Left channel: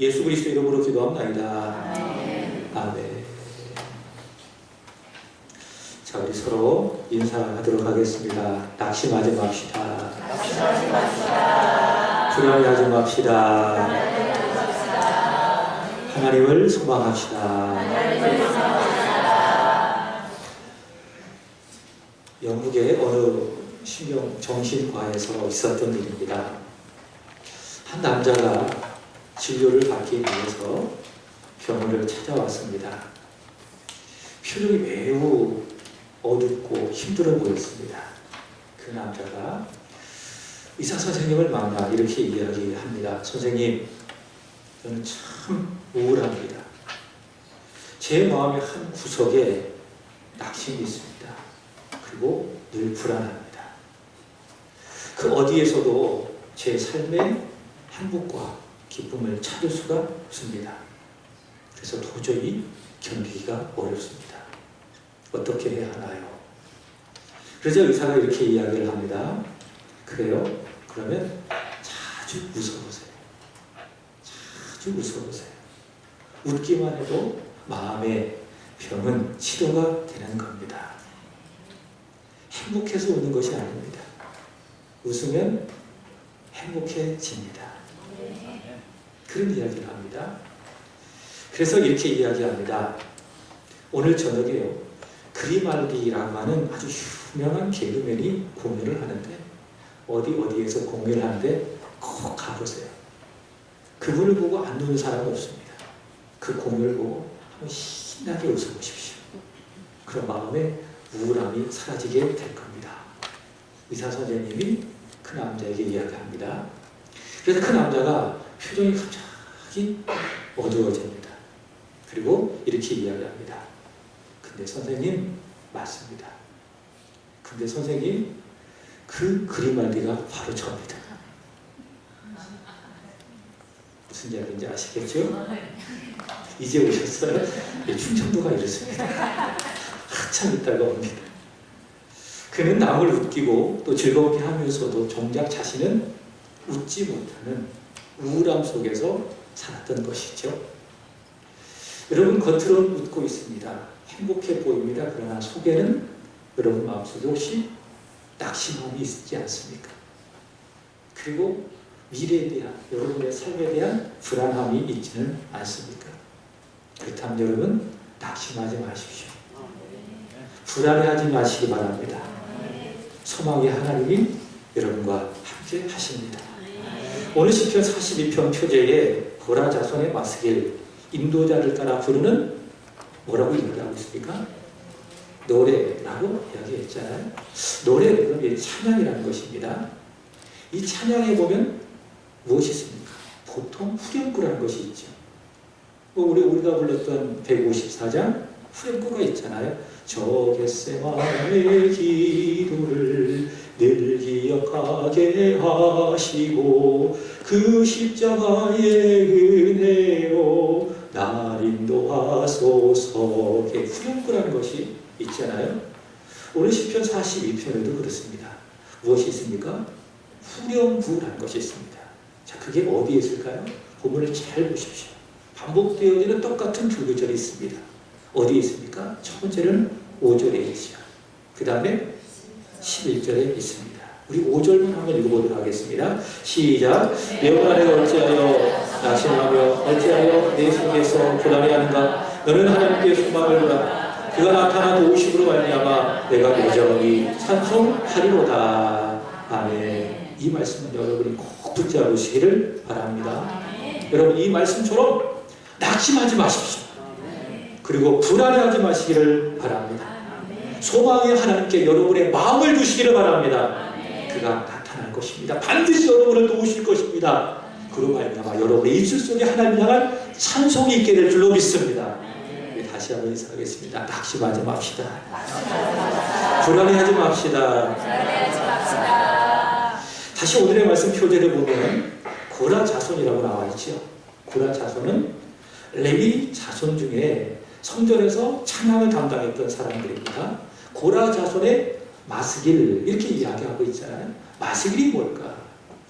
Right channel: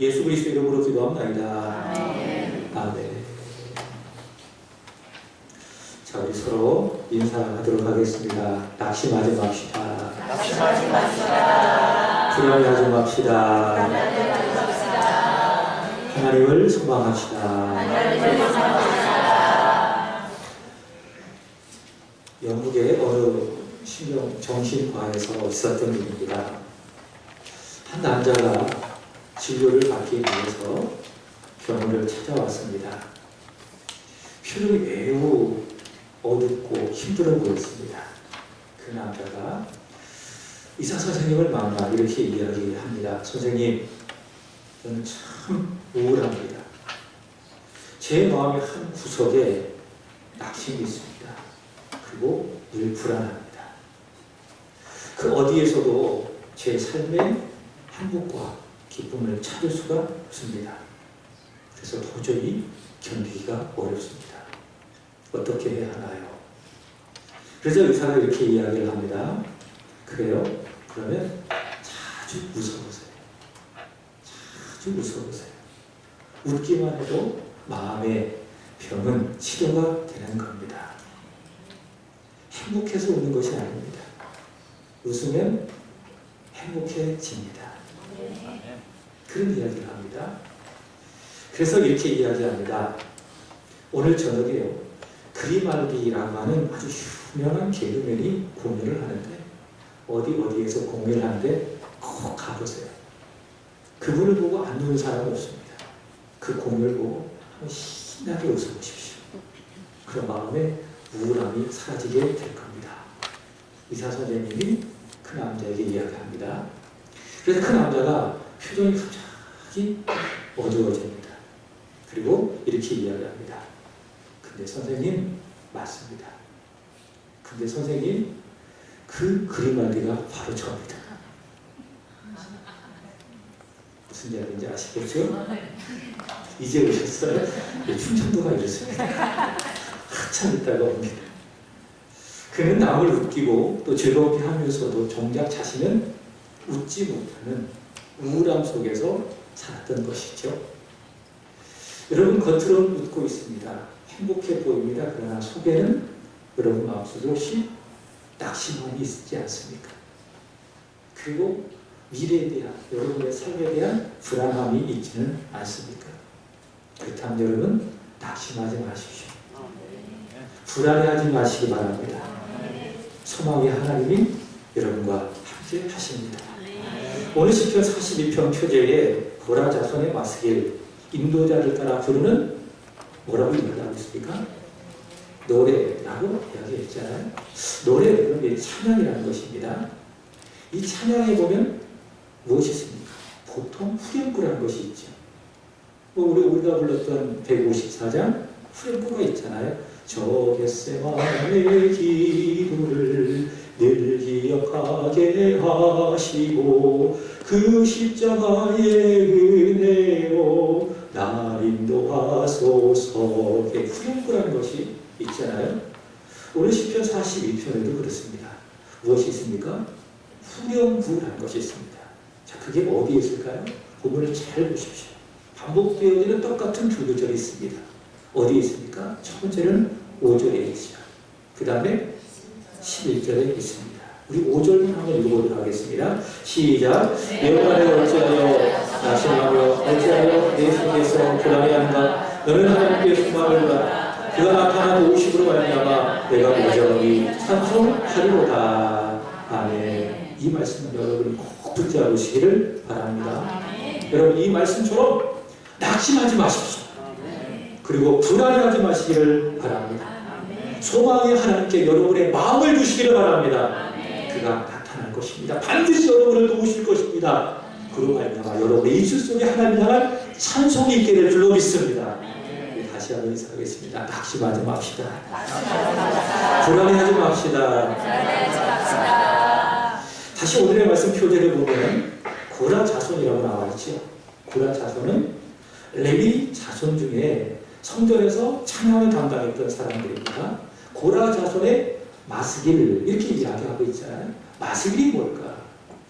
예수 그리스도 이름으로 기도합나이다. 아멘. 자, 우리 서로 인사하도록 하겠습니다. 낙심하지 맙시다. 낙심하지 맙시다. 불안해하지 맙시다. 하나님을 소망합시다. 영국의 어느 정신과에서 있었던 일입니다. 한 남자가 진료를 받기 위해서 병원을 찾아왔습니다. 표정이 매우 어둡고 힘들어 보였습니다. 그 남자가 의사 선생님을 만나 이렇게 이야기합니다. 선생님, 저는 참 우울합니다. 제 마음의 한 구석에 낙심이 있습니다. 그리고 늘 불안합니다. 그 어디에서도 제 삶의 행복과 기쁨을 찾을 수가 없습니다. 그래서 도저히 견디기가 어렵습니다. 어떻게 해야 하나요? 그러자 의사가 이렇게 이야기를 합니다. 그래요? 그러면 자주 웃어보세요. 자주 웃어보세요. 웃기만 해도 마음의 병은 치료가 되는 겁니다. 행복해서 웃는 것이 아닙니다. 웃으면 행복해집니다. 그런 이야기를 합니다. 그래서 이렇게 이야기합니다. 오늘 저녁에요, 그리말디라고 하는 아주 유명한 개그맨이 공연을 하는데, 어디에서 공연을 하는데 꼭 가보세요. 그분을 보고 안 우는 사람은 없습니다. 그 공연을 보고 한번 신나게 웃어보십시오. 그런 마음에 우울함이 사라지게 될 겁니다. 의사 선생님이 그 남자에게 이야기합니다. 그래서 그 남자가 표정이 갑자기 어두워집니다. 그리고 이렇게 이야기합니다. 근데 선생님, 맞습니다. 근데 선생님, 그 그리말디가 바로 저입니다. 무슨 이야기인지 아시겠죠? 이제 오셨어요? 충청도가 이렇습니다. 한참 있다가 옵니다. 그는 남을 웃기고 또 즐겁게 하면서도 정작 자신은 웃지 못하는 우울함 속에서 살았던 것이죠. 여러분, 겉으로는 웃고 있습니다. 행복해 보입니다. 그러나 속에는 여러분 마음속에 혹시 낙심함이 있지 않습니까? 그리고 미래에 대한, 여러분의 삶에 대한 불안함이 있지는 않습니까? 그렇다면 여러분, 낙심하지 마십시오. 불안해하지 마시기 바랍니다. 소망의 하나님이 여러분과 함께 하십니다. 오늘 시편 42편 표제에 고라 자손의 마스길, 인도자를 따라 부르는, 뭐라고 이야기하고 있습니까? 노래라고 이야기했잖아요. 노래는 찬양이라는 것입니다. 이 찬양에 보면 무엇이 있습니까? 보통 후렴구라는 것이 있죠. 우리가 불렀던 154장 후렴구가 있잖아요. 저 겟세마네 기도를 늘 기억하게 하시고 그 십자가의 은혜요 날 인도하소서. 후렴구라는 것이 있잖아요. 오늘 시편 42편에도 그렇습니다. 무엇이 있습니까? 후렴구라는 것이 있습니다. 자, 그게 어디에 있을까요? 본문을 잘 보십시오. 반복되어지는 똑같은 두 구절이 있습니다. 어디에 있습니까? 첫 번째는 5절에 있죠. 그 다음에 11절에 있습니다. 우리 5절만 한번 읽어보도록 하겠습니다. 시작. 내 영혼에 어찌하여 낙심하며 어찌하여 내 속에서 불안해하는가? 너는 하나님께 소망을 두라. 그가 나타난 도우심으로 말미암아 내가 여전히 찬송하리로다. 아멘. 이 말씀은 여러분이 꼭 붙잡으시기를 바랍니다. 여러분, 이 말씀처럼 낙심하지 마십시오. 그리고 불안해하지 마시기를 바랍니다. 소망의 하나님께 여러분의 마음을 두시기를 바랍니다. 그가 나타날 것입니다. 반드시 여러분을 도우실 것입니다. 그로 말미암아 여러분의 입술 속에 하나님 향한 찬송이 있게 될 줄로 믿습니다. 다시 한번 인사하겠습니다. 낙심하지 맙시다. 불안해하지 맙시다. 다시 오늘의 말씀 표제를 보면 고라 자손이라고 나와 있죠. 고라 자손은 레위 자손 중에 성전에서 찬양을 담당했던 사람들입니다. 고라 자손의 마스길, 이렇게 이야기하고 있잖아요. 마스길이 뭘까?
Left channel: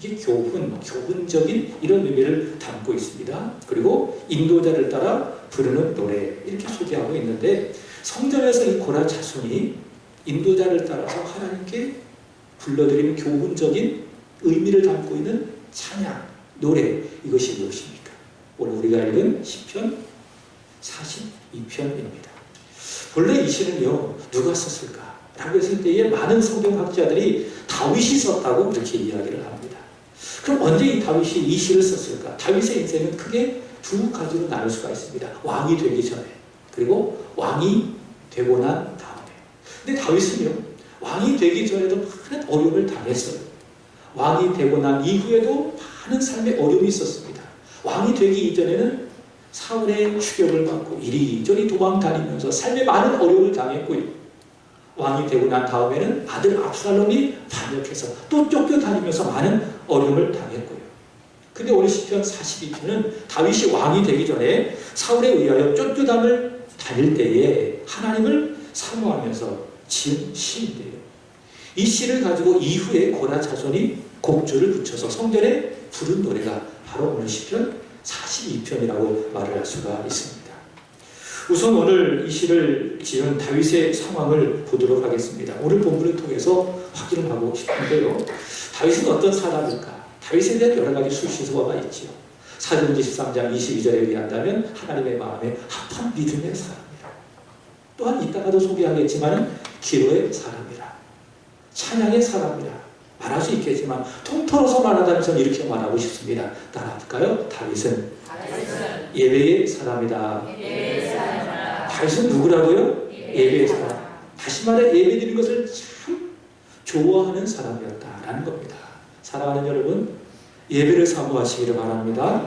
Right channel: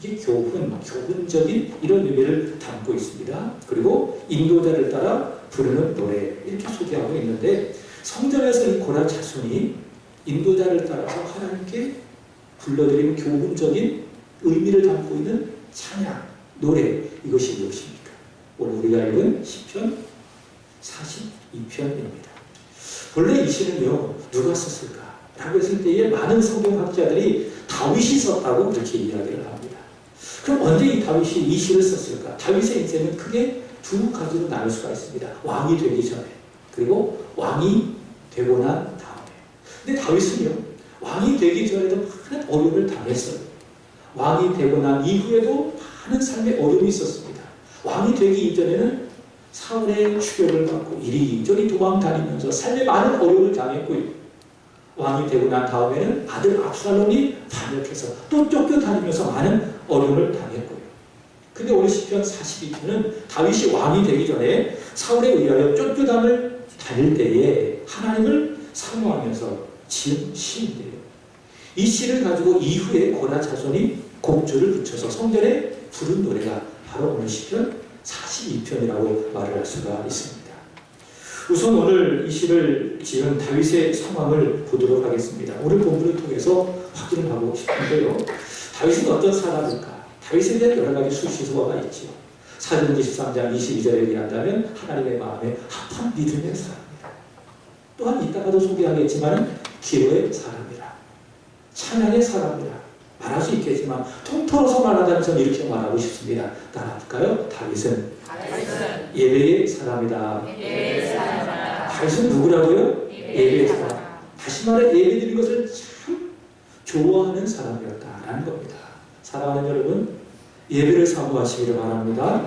이게 교훈적인 이런 의미를 담고 있습니다. 그리고 인도자를 따라 부르는 노래 이렇게 소개하고 있는데 성전에서 이 고라 자손이 인도자를 따라서 하나님께 불러드리는 교훈적인 의미를 담고 있는 찬양, 노래 이것이 무엇입니까? 오늘 우리가 읽은 시편 42편입니다. 본래 이 시는요 누가 썼을까? 라고 했을 때에 많은 성경학자들이 다윗이 썼다고 그렇게 이야기를 합니다. 그럼 언제 이 다윗이 이 시를 썼을까? 다윗의 인생은 크게 두 가지로 나눌 수가 있습니다. 왕이 되기 전에 그리고 왕이 되고 난 다음에. 근데 다윗은요 왕이 되기 전에도 많은 어려움을 당했어요. 왕이 되고 난 이후에도 많은 삶의 어려움이 있었습니다. 왕이 되기 이전에는 사울의 추격을 받고 이리저리 도망다니면서 삶에 많은 어려움을 당했고요. 왕이 되고 난 다음에는 아들 압살롬이 반역해서 또 쫓겨다니면서 많은 어려움을 당했고요. 근데 오늘 시편 42편은 다윗이 왕이 되기 전에 사울에 의하여 쫓겨담을 다닐 때에 하나님을 사모하면서 지은 시인데요. 이 시를 가지고 이후에 고라 자손이 곡조를 붙여서 성전에 부른 노래가 바로 오늘 시편 42편이라고 말을 할 수가 있습니다. 우선 오늘 이 시를 지은 다윗의 상황을 보도록 하겠습니다. 오늘 본문을 통해서 확인을 하고 싶은데요. 다윗은 어떤 사람일까? 다윗에 대한 여러 가지 수시소가 있지요. 사도행전 13장 22절에 의한다면 하나님의 마음에 합한 믿음의 사람이라. 또한 이따가도 소개하겠지만 기도의 사람이라. 찬양의 사람이라. 말할 수 있겠지만 통틀어서 말하자면 저는 이렇게 말하고 싶습니다. 따라할까요? 다윗은 예배의 사람이다. 다윗은 누구라고요? 예배의 사람. 다시 말해 예배드리는 것을 참 좋아하는 사람이었다라는 겁니다. 사랑하는 여러분, 예배를 사모하시기를 바랍니다.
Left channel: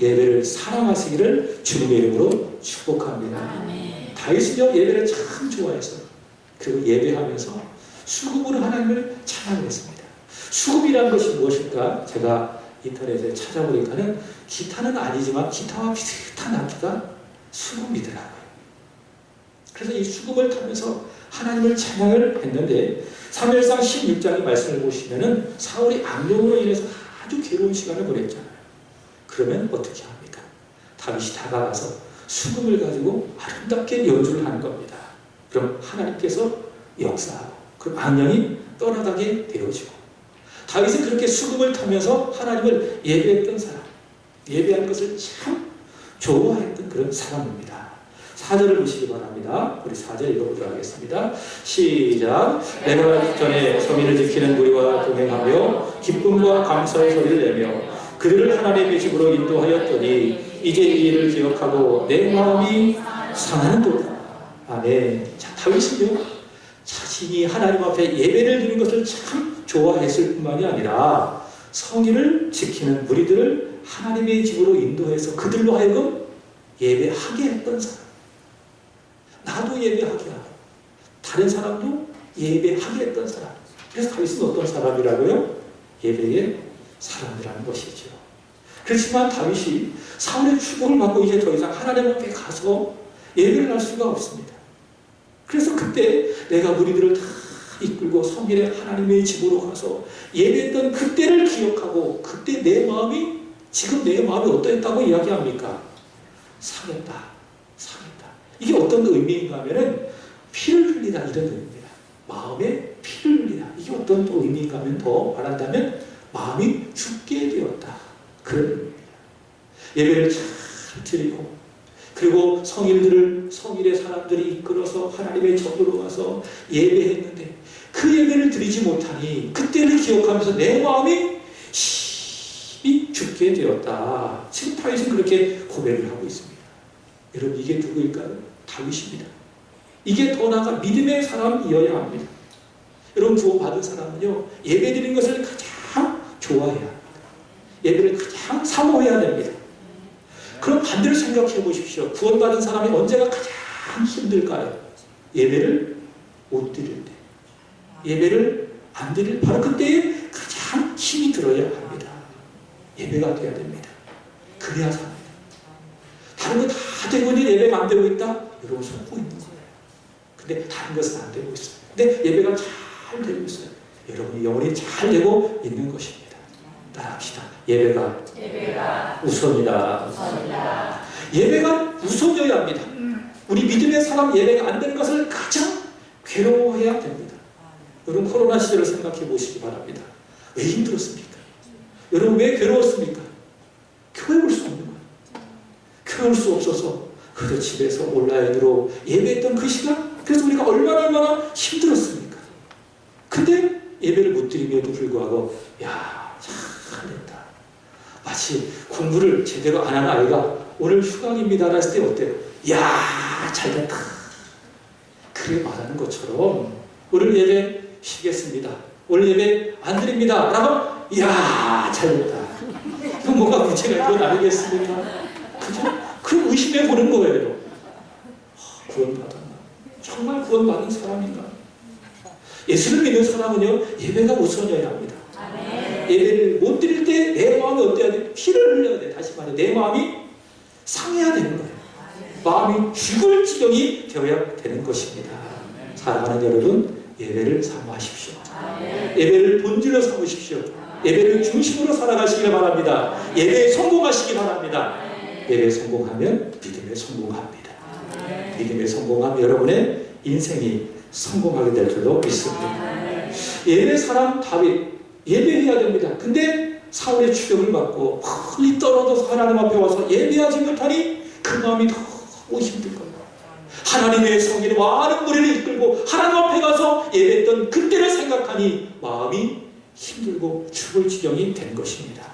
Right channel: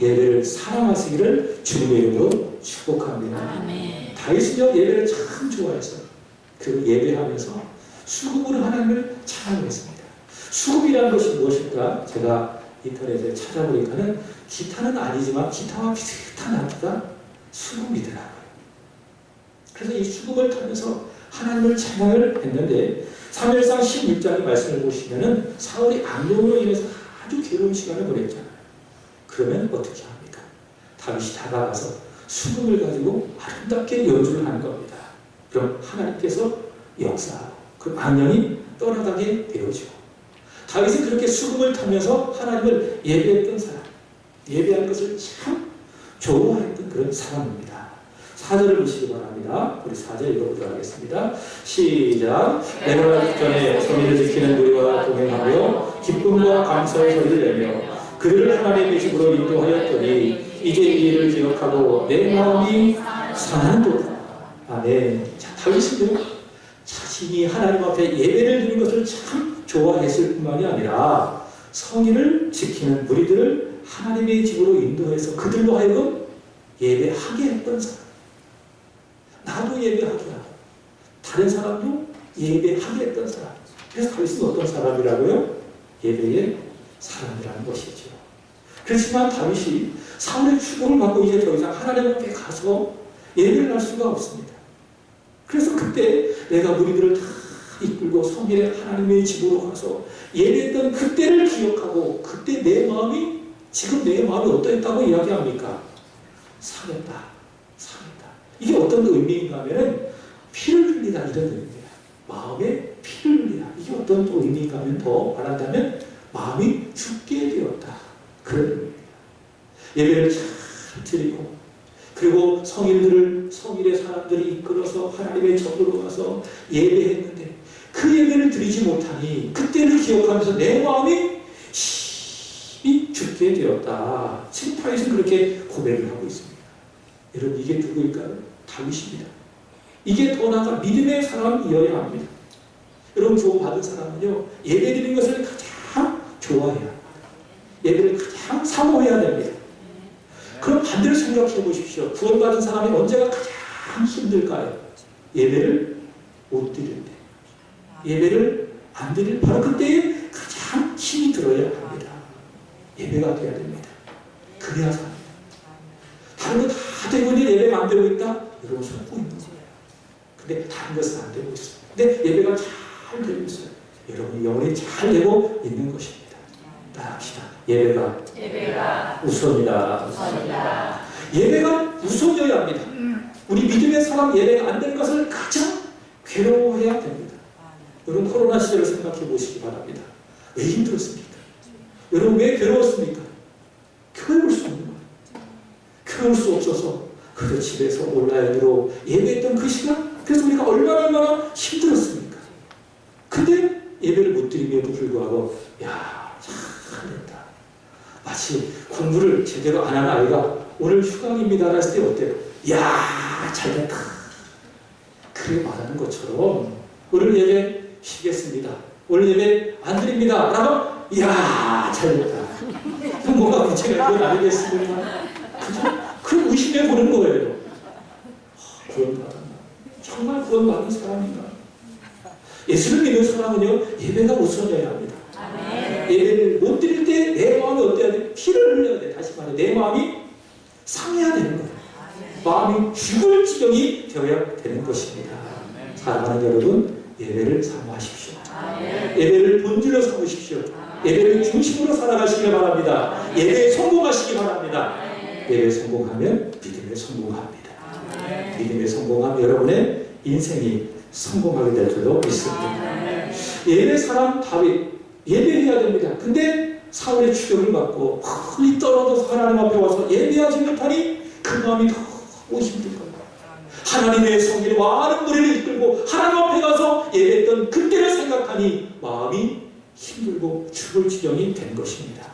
예배를 사랑하시기를 주님의 이름으로 축복합니다. 다윗은요 예배를 참 좋아했어요. 그리고 예배하면서 수금으로 하나님을 찬양했습니다. 수금이라는 것이 무엇일까? 제가 인터넷에 찾아보니까는 기타는 아니지만 기타와 비슷한 악기가 수금이더라고요. 그래서 이 수금을 타면서 하나님을 찬양을 했는데 사무엘상 16장의 말씀을 보시면은 사울이 악령으로 인해서 아주 괴로운 시간을 보냈잖아요. 그러면 어떻게 합니까? 다윗이 다가가서 수금을 가지고 아름답게 연주를 하는 겁니다. 그럼 하나님께서 역사하고 그럼 악령이 떠나가게 되어지고 다윗은 그렇게 수금을 타면서 하나님을 예배했던 사람, 예배하는 것을 참 좋아했던 그런 사람입니다. 4절을 보시기 바랍니다. 우리 4절 읽어보도록 하겠습니다. 시작. 내가 전에 성의를 지키는 무리와 동행하며 기쁨과 감사의 소리를 내며 그들을 하나님의 집으로 인도하였더니 이제 이 일을 기억하고 내 마음이 상하는도다. 아멘. 자, 다윗은요 자신이 하나님 앞에 예배를 드리는 것을 참 좋아했을 뿐만이 아니라 성의를 지키는 무리들을 하나님의 집으로 인도해서 그들로 하여금 예배하게 했던 사람. 나도 예배하게 하고 다른 사람도 예배하게 했던 사람. 그래서 다윗은 어떤 사람이라고요? 예배의 사람이라는 것이죠. 그렇지만 다윗이 사울의 축복을 받고 이제 더 이상 하나님 앞에 가서 예배를 할 수가 없습니다. 그래서 그때 내가 무리들을 다 이끌고 성일의 하나님의 집으로 가서 예배했던 그때를 기억하고 그때 내 마음이 지금 내 마음이 어떠했다고 이야기합니까? 상했다. 상했다. 이게 어떤 의미인가 하면은 피를 흘리다 이런 의미입니다. 마음에 피를 흘리다. 이게 어떤 또 의미인가 하면 더 말한다면 마음이 죽게 되었다. 그런 의미입니다. 예배를 잘 드리고 그리고 성일의 사람들이 이끌어서 하나님의 전으로 가서 예배했는데 그 예배를 드리지 못하니 그때를 기억하면서 내 마음이 심히 죽게 되었다. 지금 다윗은 그렇게 고백을 하고 있습니다. 여러분 이게 누구일까요? 다윗입니다. 이게 더 나아가 믿음의 사람이어야 합니다. 여러분 구원받은 사람은요 예배드리는 것을 가장 좋아해야 합니다. 예배를 가장 사모해야 됩니다. 그럼 반대로 생각해 보십시오. 구원받은 사람이 언제가 가장 힘들까요? 예배를 못 드릴 때. 예배를 안 드릴 바로 그때에 가장 힘이 들어야 합니다. 예배가 돼야 됩니다. 그래야 삽니다. 다른 거 다 되고 있는데 예배가 안 되고 있다? 여러분 속고 있는 거예요. 근데 다른 것은 안 되고 있어요. 근데 예배가 잘 되고 있어요. 여러분이 영혼이 잘 되고 있는 것입니다. 말합시다. 예배가 예배가 우선이다. 우선이다. 예배가 우선이어야 합니다. 우리 믿음의 사람 예배가 안 되는 것을 가장 괴로워해야 됩니다. 여러분 코로나 시절을 생각해 보시기 바랍니다. 왜 힘들었습니까? 여러분 왜 괴로웠습니까? 교회 올 수 없는 거예요. 교회 올 수 없어서 그저 집에서 온라인으로 예배했던 그 시간, 그래서 우리가 얼마나 힘들었습니까? 근데 예배를 못 드림에도 불구하고 야, 잘했다. 마치 공부를 제대로 안 한 아이가 오늘 휴강입니다 했을 때 어때요? 야, 잘됐다. 그렇게 말하는 것처럼 오늘 예배 쉬겠습니다. 오늘 예배 안 드립니다. 라고 야, 잘됐다. 그럼 뭐가 문제가 이건 아니겠습니까? 그죠? 그럼 의심해 보는 거예요. 구원받았나? 정말 구원받은 사람인가? 예수를 믿는 사람은요, 예배가 우선이어야 합니다. 예배를 못 드릴 때 내 마음이 어때야 돼? 피를 흘려야 돼. 다시 말해, 내 마음이 상해야 되는 거예요. 마음이 죽을 지경이 되어야 되는 것입니다. 사랑하는 여러분, 예배를 사모하십시오. 예배를 본질로 삼으십시오. 예배를 중심으로 살아가시기 바랍니다. 예배에 성공하시기 바랍니다. 예배에 성공하면 믿음에 성공합니다. 믿음에 성공하면 여러분의 인생이 성공하게 될 줄로 믿습니다. 예배 사람 다윗 예배해야 됩니다. 근데 사울의 추격을 받고 멀리 떨어져서 하나님 앞에 와서 예배하지 못하니 그 마음이 너무 힘든 거예요. 하나님의 성길에 많은 무리를 이끌고 하나님 앞에 가서 예배했던 그때를 생각하니 마음이 힘들고 죽을 지경이 된 것입니다.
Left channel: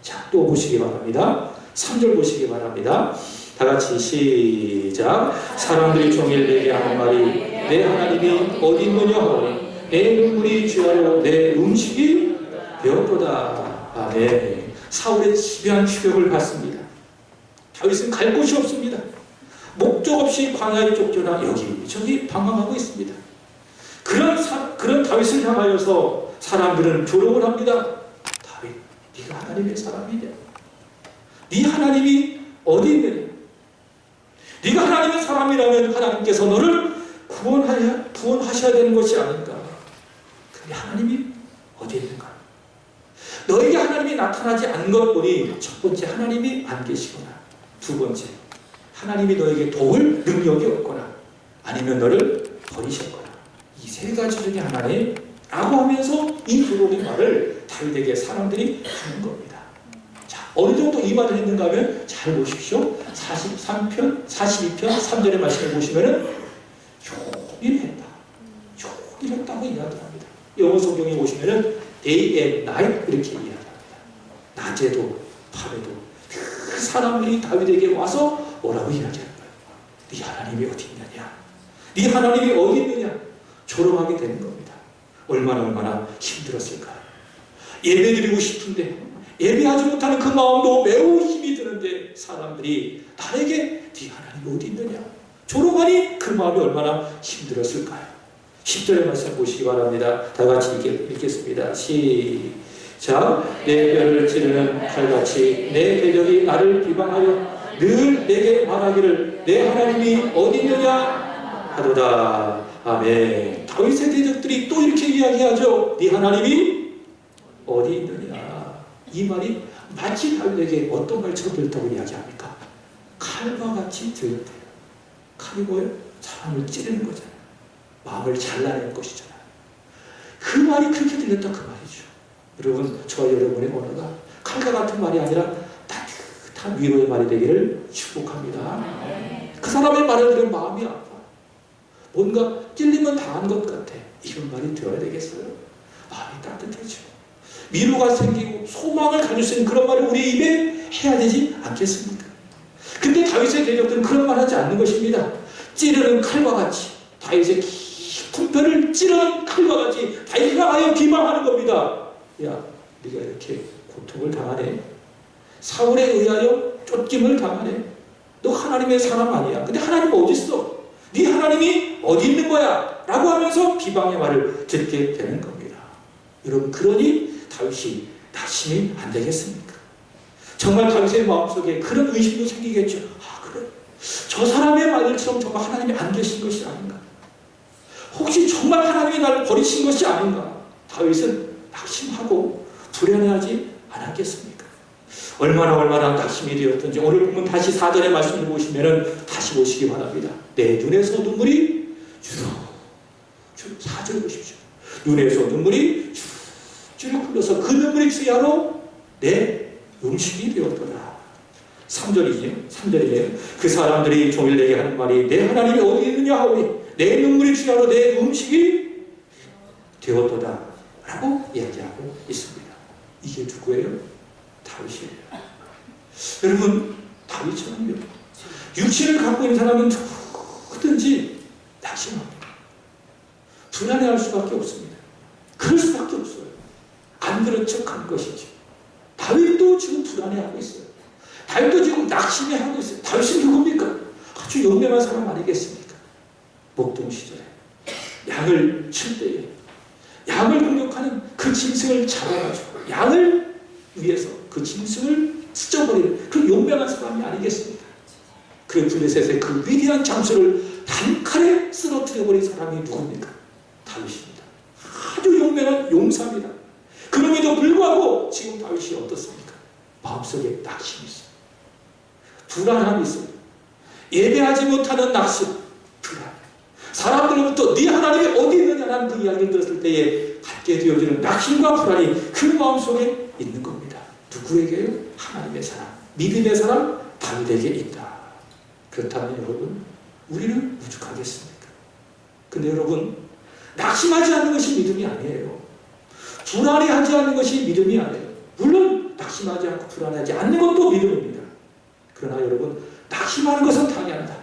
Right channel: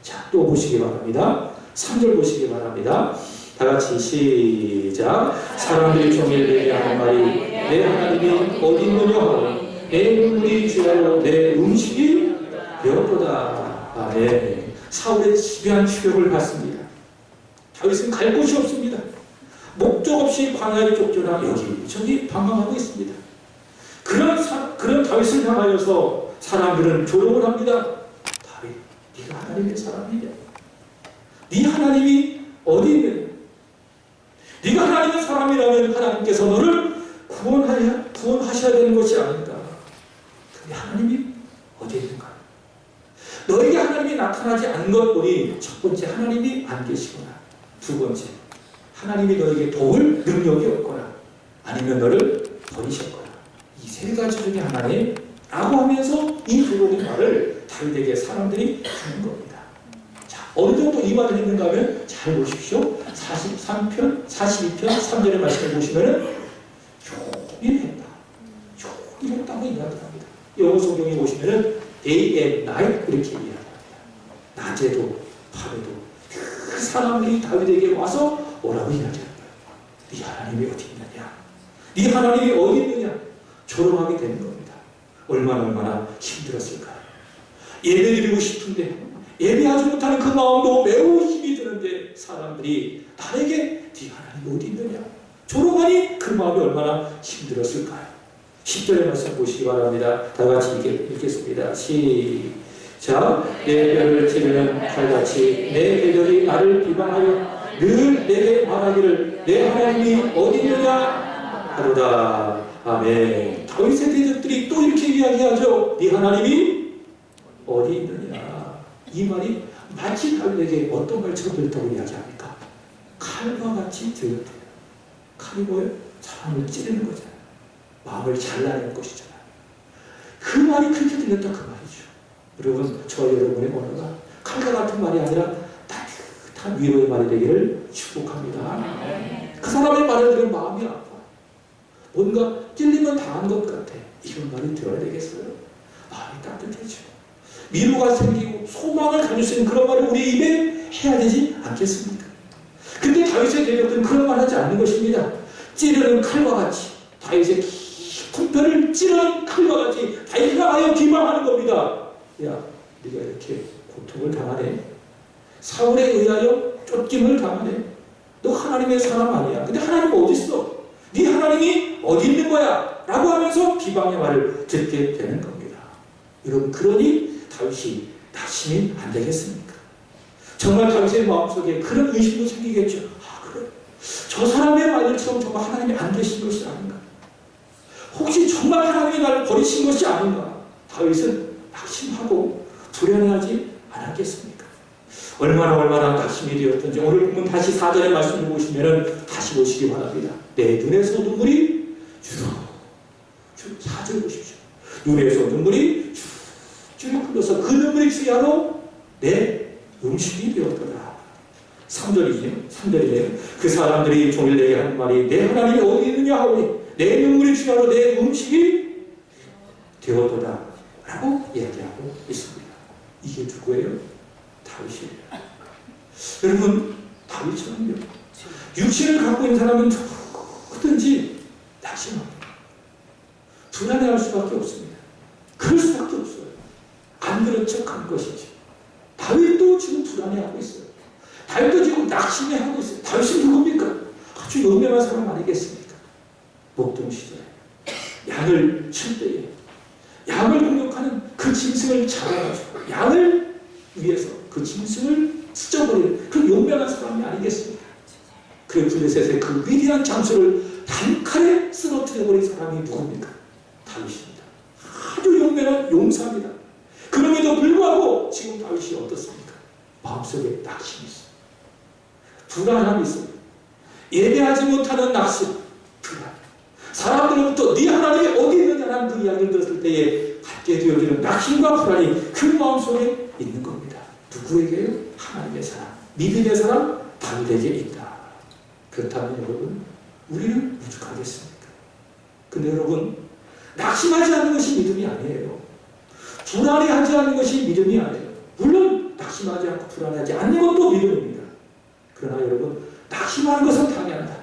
자, 또 보시기 바랍니다. 3절 보시기 바랍니다. 다 같이 시작. 사람들이 종일 내게 하는 말이 내 하나님이 어디 있느냐 하고 내 눈물이 주야로 내 음식이 배웠도다. 아멘. 사울의 집요한 추격을 받습니다. 다윗은 갈 곳이 없습니다. 목적 없이 광야에 쫓겨나 여기저기 방황하고 있습니다. 그런 다윗을 향하여서 사람들은 조롱을 합니다. 다윗, 네가 하나님의 사람이냐? 네 하나님이 어디 있느냐? 네가 하나님의 사람이라면 하나님께서 너를 구원하셔야 되는 것이 아닌가? 근데 하나님이 어디 있는가? 너에게 하나님이 나타나지 않은 것 보니 첫 번째 하나님이 안 계시거나 두 번째 하나님이 너에게 도울 능력이 없거나 아니면 너를 버리셨거나 이 세 가지 중에 하나님 라고 하면서 이 두 가지 말을 다윗에게 사람들이 하는 겁니다. 자, 어느 정도 이 말을 했는가 하면 잘 보십시오. 43편, 42편 3절의 말씀을 보시면은 종일 했다. 종일 했다고 이야기합니다. 영어 성경에 보시면은 day and night 이렇게 이야기합니다. 낮에도 밤에도 그 사람들이 다윗에게 와서 뭐라고 이야기하는 거예요? 네 하나님이 어디 있느냐? 네 하나님이 어디 있느냐? 조롱하게 되는 겁니다. 얼마나 힘들었을까요? 예배드리고 싶은데 예배하지 못하는 그 마음도 매우 힘이 드는데 사람들이 나에게 네 하나님이 어디 있느냐? 조롱하니 그 마음이 얼마나 힘들었을까요? 10절의 말씀 보시기 바랍니다. 다 같이 읽겠습니다. 시작. 내 뼈를 찌르는 칼같이 내 대적이 나를 비방하여 늘 내게 말하기를 내 하나님이 어디 있느냐 하도다. 아멘. 다윗의 대적들이 또 이렇게 이야기하죠. 네 하나님이 어디 있느냐. 이 말이 마치 다윗에게 어떤 말처럼 들었다고 이야기합니까? 칼과 같이 들렸대요. 칼이 뭐예요? 사람을 찌르는 거잖아요. 마음을 잘라낼 것이잖아요. 그 말이 그렇게 들렸다 그 말이죠. 여러분, 저와 여러분의 언어가 칼과 같은 말이 아니라 따뜻한 위로의 말이 되기를 축복합니다. 그 사람의 말을 들으면 마음이 아파. 뭔가 찔리면 당한 것 같아. 이런 말이 들어야 되겠어요? 마음이 따뜻해져. 위로가 생기고 소망을 가질 수 있는 그런 말을 우리 입에 해야 되지 않겠습니까? 근데 다윗의 대적들은 그런 말 하지 않는 것입니다. 찌르는 칼과 같이 다윗의 깊은 뼈를 찌르는 칼과 같이 다윗을 향하여 비방하는 겁니다. 야, 네가 이렇게 고통을 당하네. 사울에 의하여 쫓김을 당하네. 너 하나님의 사람 아니야. 근데 하나님 어디 있어? 네 하나님이 어디 있는 거야? 라고 하면서 비방의 말을 듣게 되는 겁니다. 여러분, 그러니 다윗이 낙심이 안 되겠습니까? 정말 다윗의 마음속에 그런 의심도 생기겠죠. 아, 그래? 저 사람의 말들처럼 정말 하나님이 안 계신 것이 아닌가? 혹시 정말 하나님이 나를 버리신 것이 아닌가? 다윗은 낙심하고 불안해하지 안 하겠습니까? 얼마나 낙심이 되었던지 오늘 보면 다시 4절의 말씀을 보시면 다시 보시기 바랍니다. 내 눈에서 눈물이 주룩 4절 보십시오. 눈에서 눈물이 주룩 흘러서 그 눈물이 주야로 내 음식이 되었더라. 3절이죠. 3절이네요. 그 사람들이 종일 내게 하는 말이 내 하나님이 어디 있느냐 하오니 내 눈물이 주야로 내 음식이 되었도다 라고 이야기하고 있습니다. 이게 누구예요? 다윗이에요. 여러분, 다윗처럼요. 육신을 갖고 있는 사람은 누구든지 낙심합니다. 불안해할 수밖에 없습니다. 그럴 수밖에 없어요. 안 그런 척한 것이죠. 다윗도 지금 불안해하고 있어요. 다윗도 지금 낙심해하고 있어요. 다윗은 누굽니까? 아주 유명한 사람 아니겠습니까? 목동 시절에 양을 칠 때에 양을 공격하는 그 짐승을 잡아가지고 양을 위해서 그 짐승을 스쳐버리는 그 용맹한 사람이 아니겠습니까? 그 블레셋의 그 위대한 장수를 단칼에 쓰러뜨려버린 사람이 누굽니까? 다윗입니다. 아주 용맹한 용사입니다. 그럼에도 불구하고 지금 다윗이 어떻습니까? 마음속에 낙심이 있어요. 불안함이 있어요. 예배하지 못하는 낙심, 불안. 사람들로부터 네 하나님이 어디 있느냐는 그 이야기를 들었을 때에 갖게 되어지는 낙심과 불안이 그 마음속에 있는 겁니다. 누구에게요? 하나님의 사람, 믿음의 사람, 다윗에게 있다. 그렇다면 여러분, 우리는 오죽하겠습니까? 근데 여러분, 낙심하지 않는 것이 믿음이 아니에요. 불안해하지 않는 것이 믿음이 아니에요. 물론 낙심하지 않고 불안하지 않는 것도 믿음입니다. 그러나 여러분, 낙심하는 것은 당연하다.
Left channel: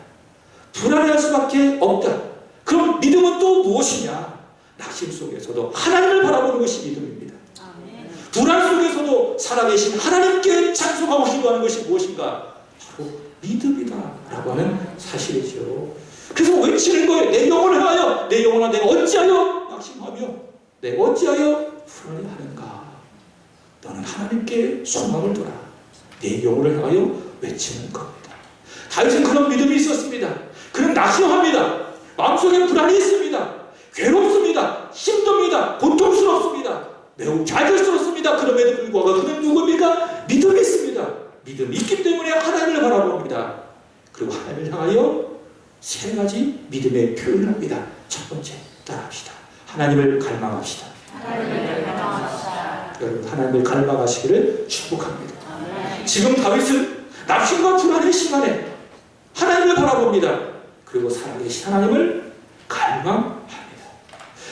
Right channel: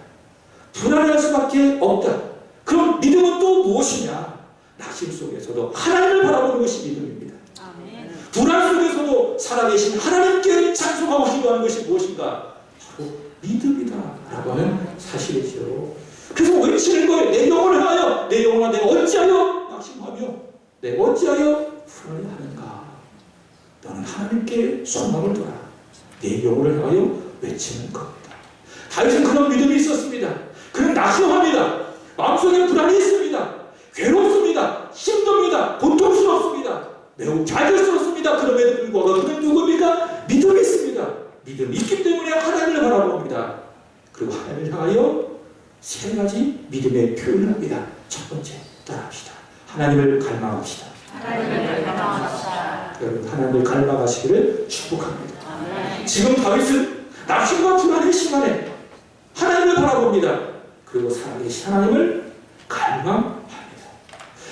불안할 수밖에 없다. 그럼 믿음은 또 무엇이냐? 낙심 속에서도 하나님을 바라보는 것이 믿음입니다. 아멘. 불안 속에서도 살아계신 하나님께 찬송하고 기도하는 것이 무엇인가? 바로 믿음이다 라고 하는 사실이죠. 그래서 외치는 거예요. 내 영혼을 향하여, 내 영혼아 내가 어찌하여 낙심하며 내가 어찌하여 불안해하는가? 너는 하나님께 소망을 둬라. 내 영혼을 향하여 외치는 겁니다. 다윗은 그런 믿음이 있었습니다. 그는 낙심합니다. 마음속에 불안이 있습니다. 괴롭습니다. 힘듭니다. 고통스럽습니다. 매우 좌절스럽습니다. 그럼에도 불구하고 그는 누굽니까? 믿음이 있습니다. 믿음이 있기 때문에 하나님을 바라봅니다. 그리고 하나님을 향하여 세 가지 믿음의 표현을 합니다. 첫 번째, 따라합시다. 하나님을 갈망합시다. 하나님을 갈망합시다. 여러분, 하나님을 갈망하시기를 축복합니다. 아멘. 지금 다윗은 낙심과 불안의 시간에 하나님을 바라봅니다. 그리고 살아계신 하나님을 갈망합니다.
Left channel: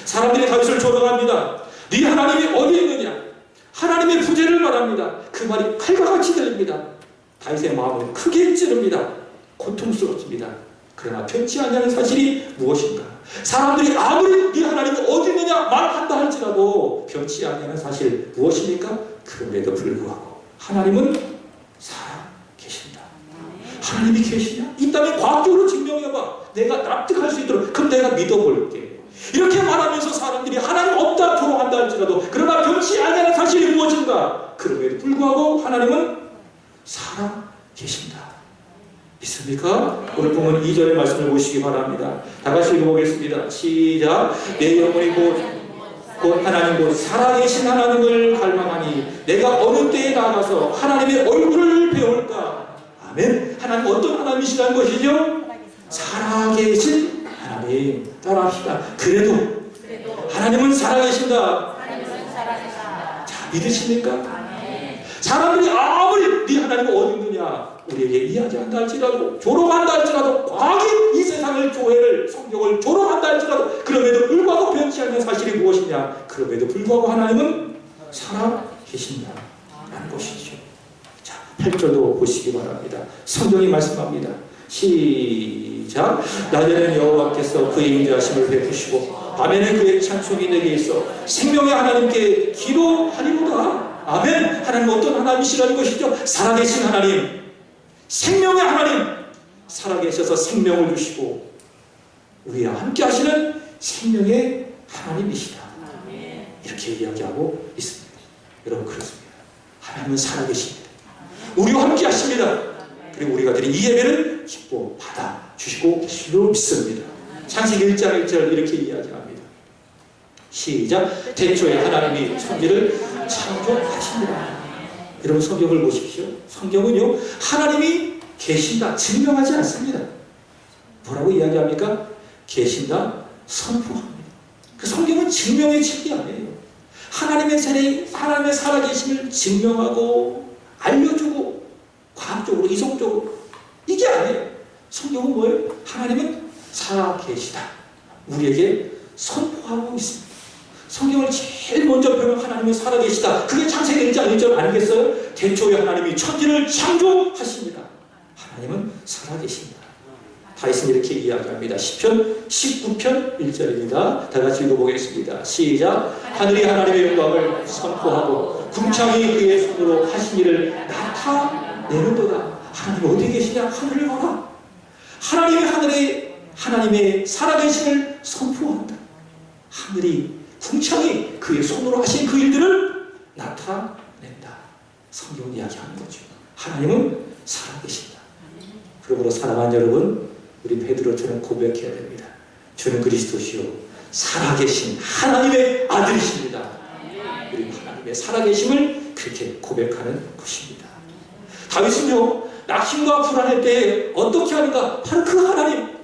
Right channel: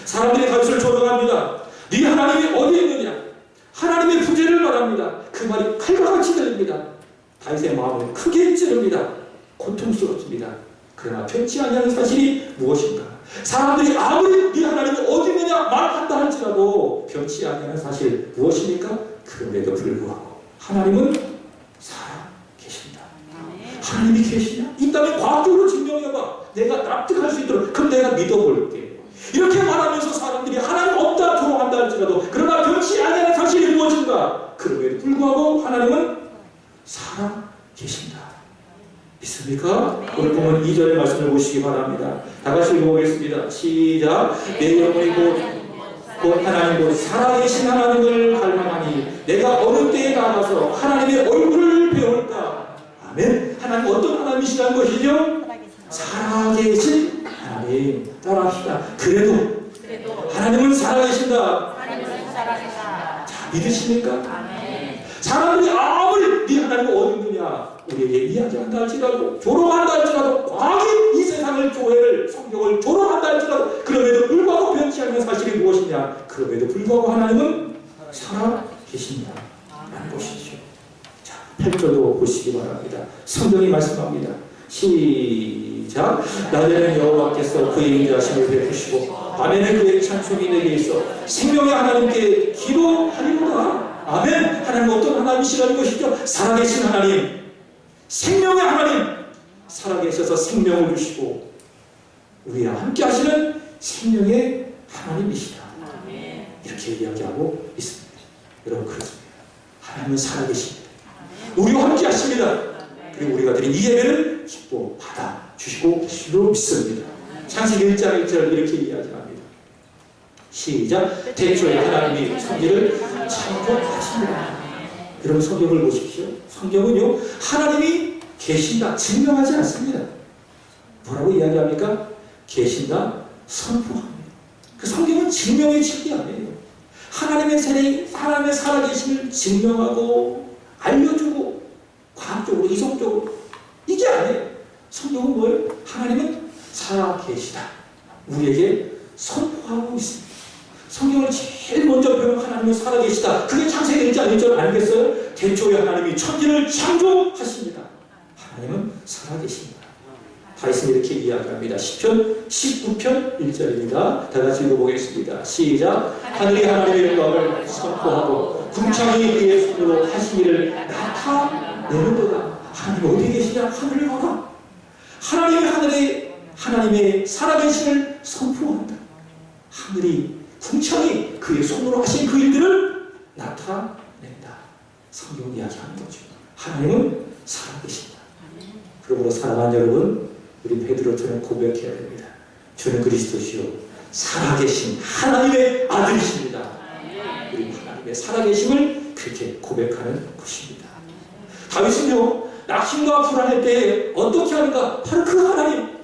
사람들이 다윗을 조롱합니다. 네 하나님이 어디 있느냐? 하나님의 부재를 말합니다. 그 말이 칼과 같이 들립니다. 다윗의 마음은 크게 찌릅니다. 고통스럽습니다. 그러나 변치 않냐는 사실이 무엇인가? 사람들이 아무리 네 하나님이 어디 있느냐 말한다 할지라도 변치 않냐는 사실 무엇입니까? 그럼에도 불구하고 하나님은 살아계신다. 하나님이 계시냐? 있다면 과학적으로 증명해봐. 내가 납득할 수 있도록. 그럼 내가 믿어볼게. 이렇게 말하면서 사람들이 하나님 없다 조롱한다 할지라도 그러나 변치 않냐는 사실이 무엇인가? 그럼에도 불구하고 하나님은 살아계신다. 믿습니까? 오늘 보면 2절의 말씀을 보시기 바랍니다. 다 같이 읽어보겠습니다. 시작. 내 영혼이 곧 하나님 곧 살아계신 하나님을 갈망하니 내가 어느 때에 나가서 하나님의 얼굴을 배울까? 아멘. 하나님 어떤 하나님이시라는 것이죠? 살아계신 하나님. 따라합시다. 그래도 하나님은 살아계신다. 하나님은 살아계신다. 자, 믿으십니까? 아멘. 사람들이 아무리 네 하나님이 어디 있느냐 우리에게 이야기한다 할지라도 조롱한다 할지라도 과학이 이 세상을 교회를 성경을 조롱한다 할지라도 그럼에도 불구하고 변치 않는 사실이 무엇이냐? 그럼에도 불구하고 하나님은 살아계신다 라는 것이죠. 자, 8절도 보시기 바랍니다. 성경이 말씀합니다. 시작. 낮에는 여호와께서 그의 인자하심을 베푸시고 밤에는 그의 찬송이 내게 있어 생명의 하나님께 기도하리로다. 아멘. 하나님 어떤 하나님이시라는 것이죠? 살아계신 하나님, 생명의 하나님, 살아계셔서 생명을 주시고 우리와 함께 하시는 생명의 하나님이시다. 이렇게 이야기하고 있습니다. 여러분, 그렇습니다. 하나님은 살아계십니다. 우리와 함께 하십니다. 그리고 우리가 드린 이 예배를 기뻐 받아 주시고 계실 줄 믿습니다. 창세기 1장 1절 이렇게 이야기합니다. 시작. 태초에 하나님이 천지를 창조하십니다. 여러분 성경을 보십시오. 성경은요 하나님이 계신다 증명하지 않습니다. 뭐라고 이야기합니까? 계신다 선포합니다. 그 성경은 증명의 책이 아니에요. 하나님의 살아계심을 증명하고 알려주고 과학적으로 이성적으로 이게 아니에요. 성경은 뭐예요? 하나님은 살아계시다 우리에게 선포하고 있습니다. 성경을 제일 먼저 펴면 하나님은 살아계시다. 그게 창세기 1장 1절 아니겠어요? 태초에 하나님이 천지를 창조하십니다. 하나님은 살아계십니다. 다윗은 이렇게 이야기합니다. 시편 19편 1절입니다. 다 같이 읽어보겠습니다. 시작. 하늘이 하나님의 영광을 선포하고 궁창이 그의 손으로 하신 일을 나타내는도다. 하나님 어디 계시냐? 하늘을 봐라. 하나님의 살아계심을 선포한다. 하늘이 궁창이 그의 손으로 하신 그 일들을 나타낸다. 성경은 이야기하는 거죠. 하나님은 살아계신다. 그러므로 사랑하는 여러분, 우리 베드로처럼 고백해야 됩니다. 주는 그리스도시요 살아계신 하나님의 아들이십니다. 우리 하나님의 살아계심을 그렇게 고백하는 것입니다. 다윗은요 낙심과 불안할 때 어떻게 하는가? 바로 그 하나님.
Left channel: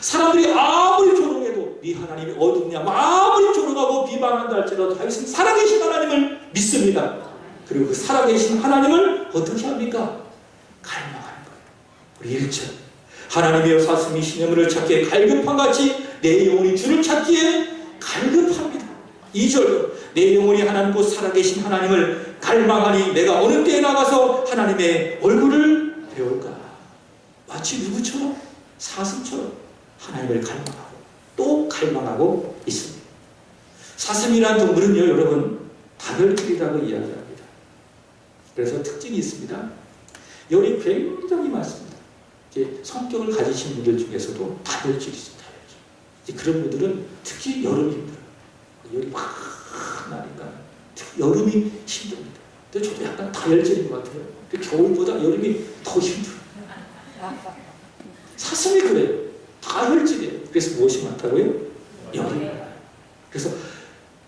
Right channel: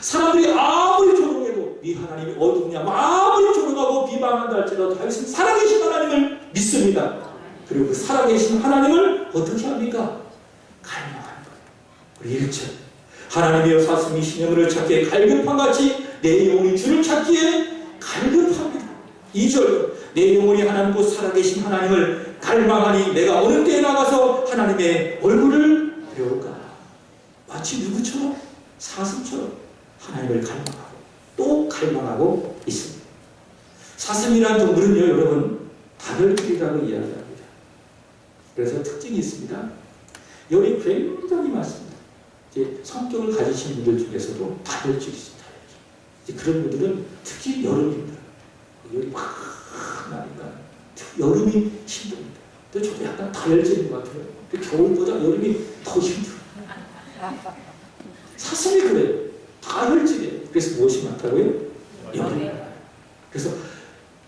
사람들이 아무리 조롱해도 네 하나님이 어디냐 아무리 조롱하고 비방한다 할지라도 다윗은 살아계신 하나님을 믿습니다. 그리고 그 살아계신 하나님을 어떻게 합니까? 갈망하는 거예요. 우리 1절 하나님이여 사슴이 시냇물을 찾기에 갈급한같이 내 영혼이 주를 찾기에 갈급합니다. 2절 내 영혼이 하나님 곧 살아계신 하나님을 갈망하니 내가 어느 때에 나가서 하나님의 얼굴을 배울까? 마치 누구처럼? 사슴처럼 하나님을 갈망하고 또 갈망하고 있습니다. 사슴이라는 동물은요 여러분 다혈질이라고 이야기합니다. 그래서 특징이 있습니다. 열이 굉장히 많습니다. 이제 성격을 가지신 분들 중에서도 다혈질이 있습니다. 그런 분들은 특히 여름이 힘들어요. 열이 막 나니까 여름이 힘듭니다. 근데 저도 약간 다혈질인 것 같아요. 겨울보다 여름이 더 힘들어요. 사슴이 그래요. 다혈질이에요. 그래서 무엇이 많다고요? 열이. 그래서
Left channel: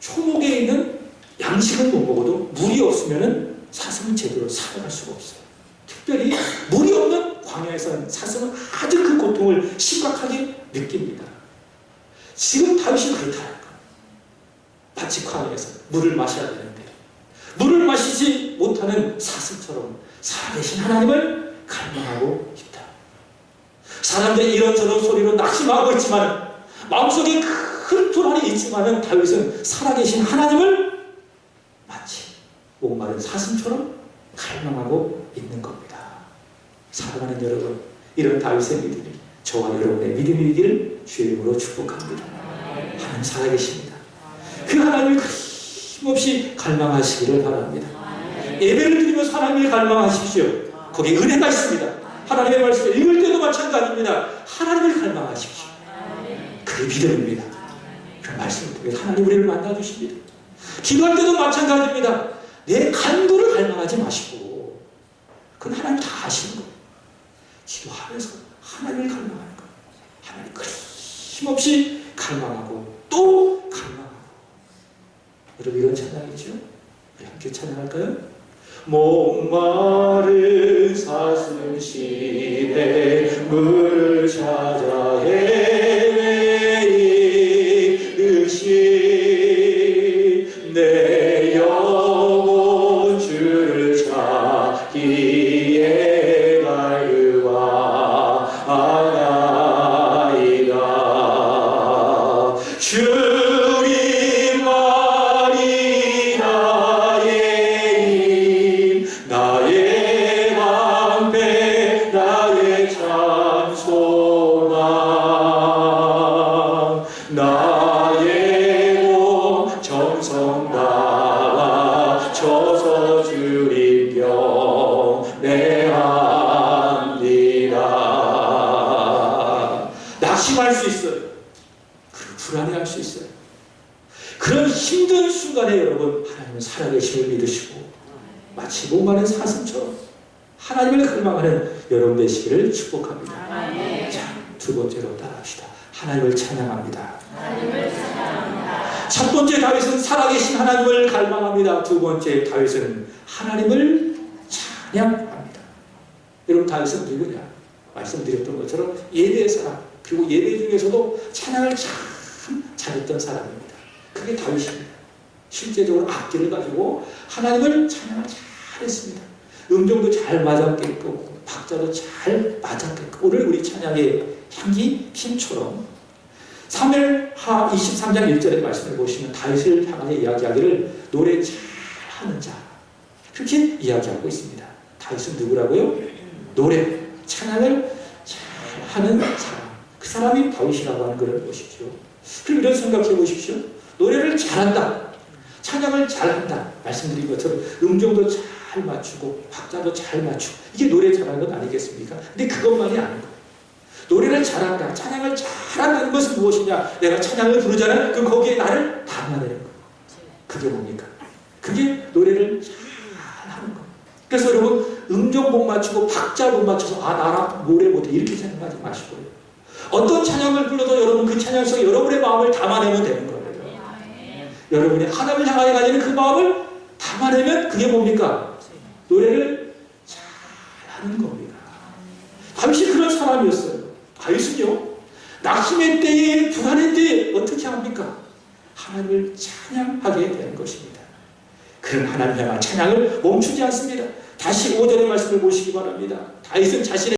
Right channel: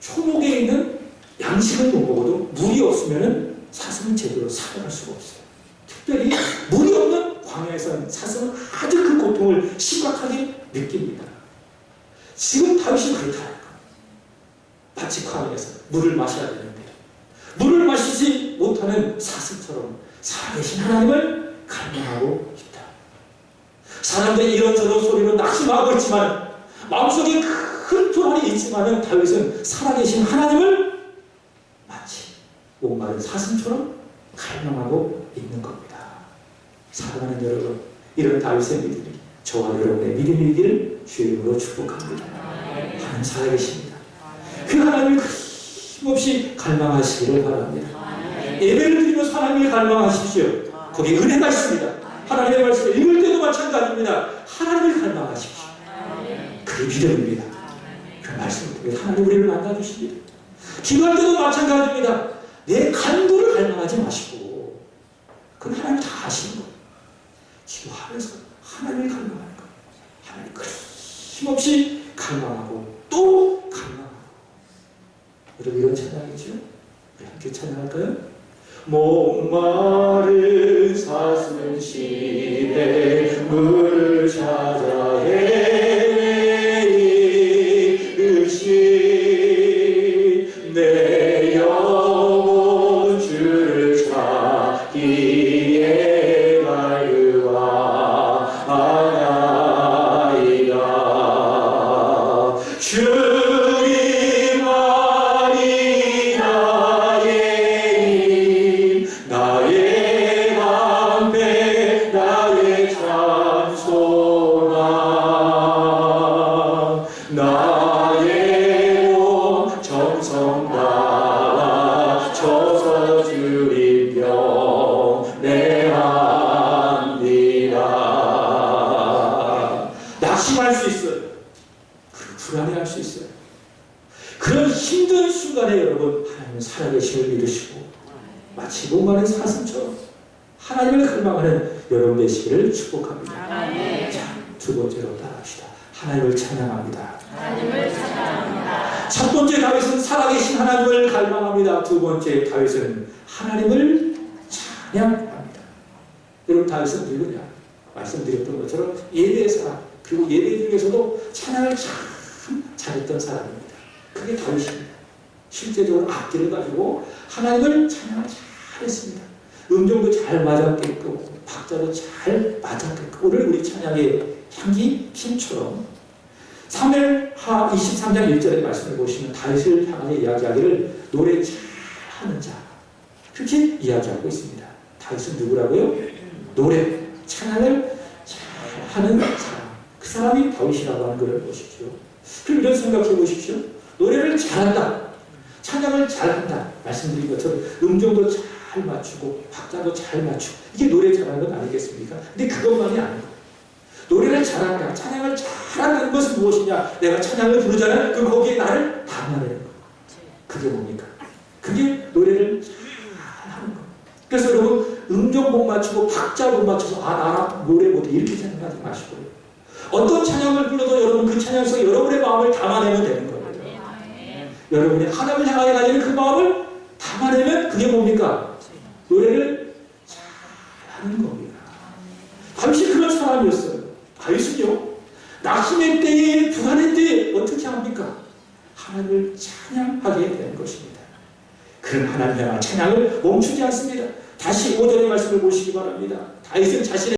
초목에 있는 양식을 못 먹어도 물이 없으면 사슴은 제대로 살아갈 수가 없어요. 특별히 물이 없는 광야에서는 사슴은 아주 그 고통을 심각하게 느낍니다. 지금 다윗이 그렇다니까. 마치 광야에서 물을 마셔야 되는데 물을 마시지 못하는 사슴처럼 살아계신 하나님을 갈망하고 있다. 사람들이 이런저런 소리로 낙심하고 있지만 마음속에 큰 불안이 있지만 다윗은 살아계신 하나님을 마치 목마른 사슴처럼 갈망하고 있는 겁니다. 사랑하는 여러분, 이런 다윗의 믿음이 저와 여러분의 믿음이기를 주의 이름으로 축복합니다. 하나님 살아계십니다. 그 하나님을 힘없이 갈망하시기를 바랍니다. 예배를 드리면서 하나님을 갈망하십시오. 거기에 은혜가 있습니다. 하나님의 말씀을 읽을 때도 마찬가지입니다. 하나님을 갈망하십시오. 그게 믿음입니다. 그 말씀을 통해 하나님 우리를 만나주십니다. 기도할 때도 마찬가지입니다. 내 간구를 갈망하지 마시고 그건 하나님 다 아시는 거예요. 기도하면서 하나님을 갈망하는 거예요. 하나님 힘없이 갈망하고 또 갈망하고. 여러분 이런 찬양이죠? 우리 함께 찬양할까요? 목마른 사슴 시내 물을 찾아 헤매이듯이 내 영혼 주를 찾기에 갈급하나이다. 주님 말이 나의 힘 나의 방패 나의 찬송함 나의 몸 정성 다와 쳐서 주님 경배합니다. 낙심할 수 있어요. 불안해할 수 있어요. 그런 힘든 순간에 여러분 하나님은 살아계심을 믿으시고 마치 목마른 사슴처럼 하나님을 갈망하는 여러분 되시기를 축복합니다. 자, 두 번째로 따라합시다. 하나님을 찬양합니다. 첫 번째 다윗은 살아계신 하나님을 갈망합니다. 두 번째 다윗은 하나님을 찬양합니다. 여러분 다윗은 누구냐? 말씀드렸던 것처럼 예배의 사람, 그리고 예배 중에서도 찬양을 참 잘했던 사람입니다. 그게 다윗입니다. 실제적으로 악기를 가지고 하나님을 찬양을 잘했습니다. 음정도 잘 맞았겠고 박자도 잘 맞았겠고 오늘 우리 찬양의 향기 힘처럼 사무엘하 23장 1절의 말씀을 보시면 다윗을 향하여 이야기하기를 노래 잘하는 자 그렇게 이야기하고 있습니다. 다윗은 누구라고요? 노래, 찬양을 잘하는 사람 그 사람이 다윗이라고 하는 것을 보십시오. 그럼 이런 생각해 보십시오. 노래를 잘한다, 찬양을 잘한다 말씀드린 것처럼 음정도 잘 맞추고 박자도 잘 맞추고 이게 노래 잘하는 것 아니겠습니까? 근데 그것만이 아닌 거예요. 노래를 잘한다, 찬양을 잘한다는 것은 무엇이냐? 내가 찬양을 부르잖아요. 그럼 거기에 나를 담아내는 거예요. 그게 뭡니까? 그게 노래를 잘하는 거예요. 그래서 여러분 음정 못 맞추고 박자 못 맞춰서 나 노래 못해 이렇게 생각하지 마시고요. 어떤 찬양을 불러도 여러분 그 찬양 속에 여러분의 마음을 담아내면 되는 거예요. 여러분이 하나님을 향하여 가지는 그 마음을 담아내면 그게 뭡니까? 노래를 잘하는 겁니다. 다윗이 그런 사람이었어요. 다윗은요, 낙심의 때에 불안의 때에 어떻게 합니까? 하나님을 찬양하게 되는 것입니다. 그런 하나님 향한 찬양을 멈추지 않습니다. 다시 5절의 말씀을 보시기 바랍니다. 다윗은 자신의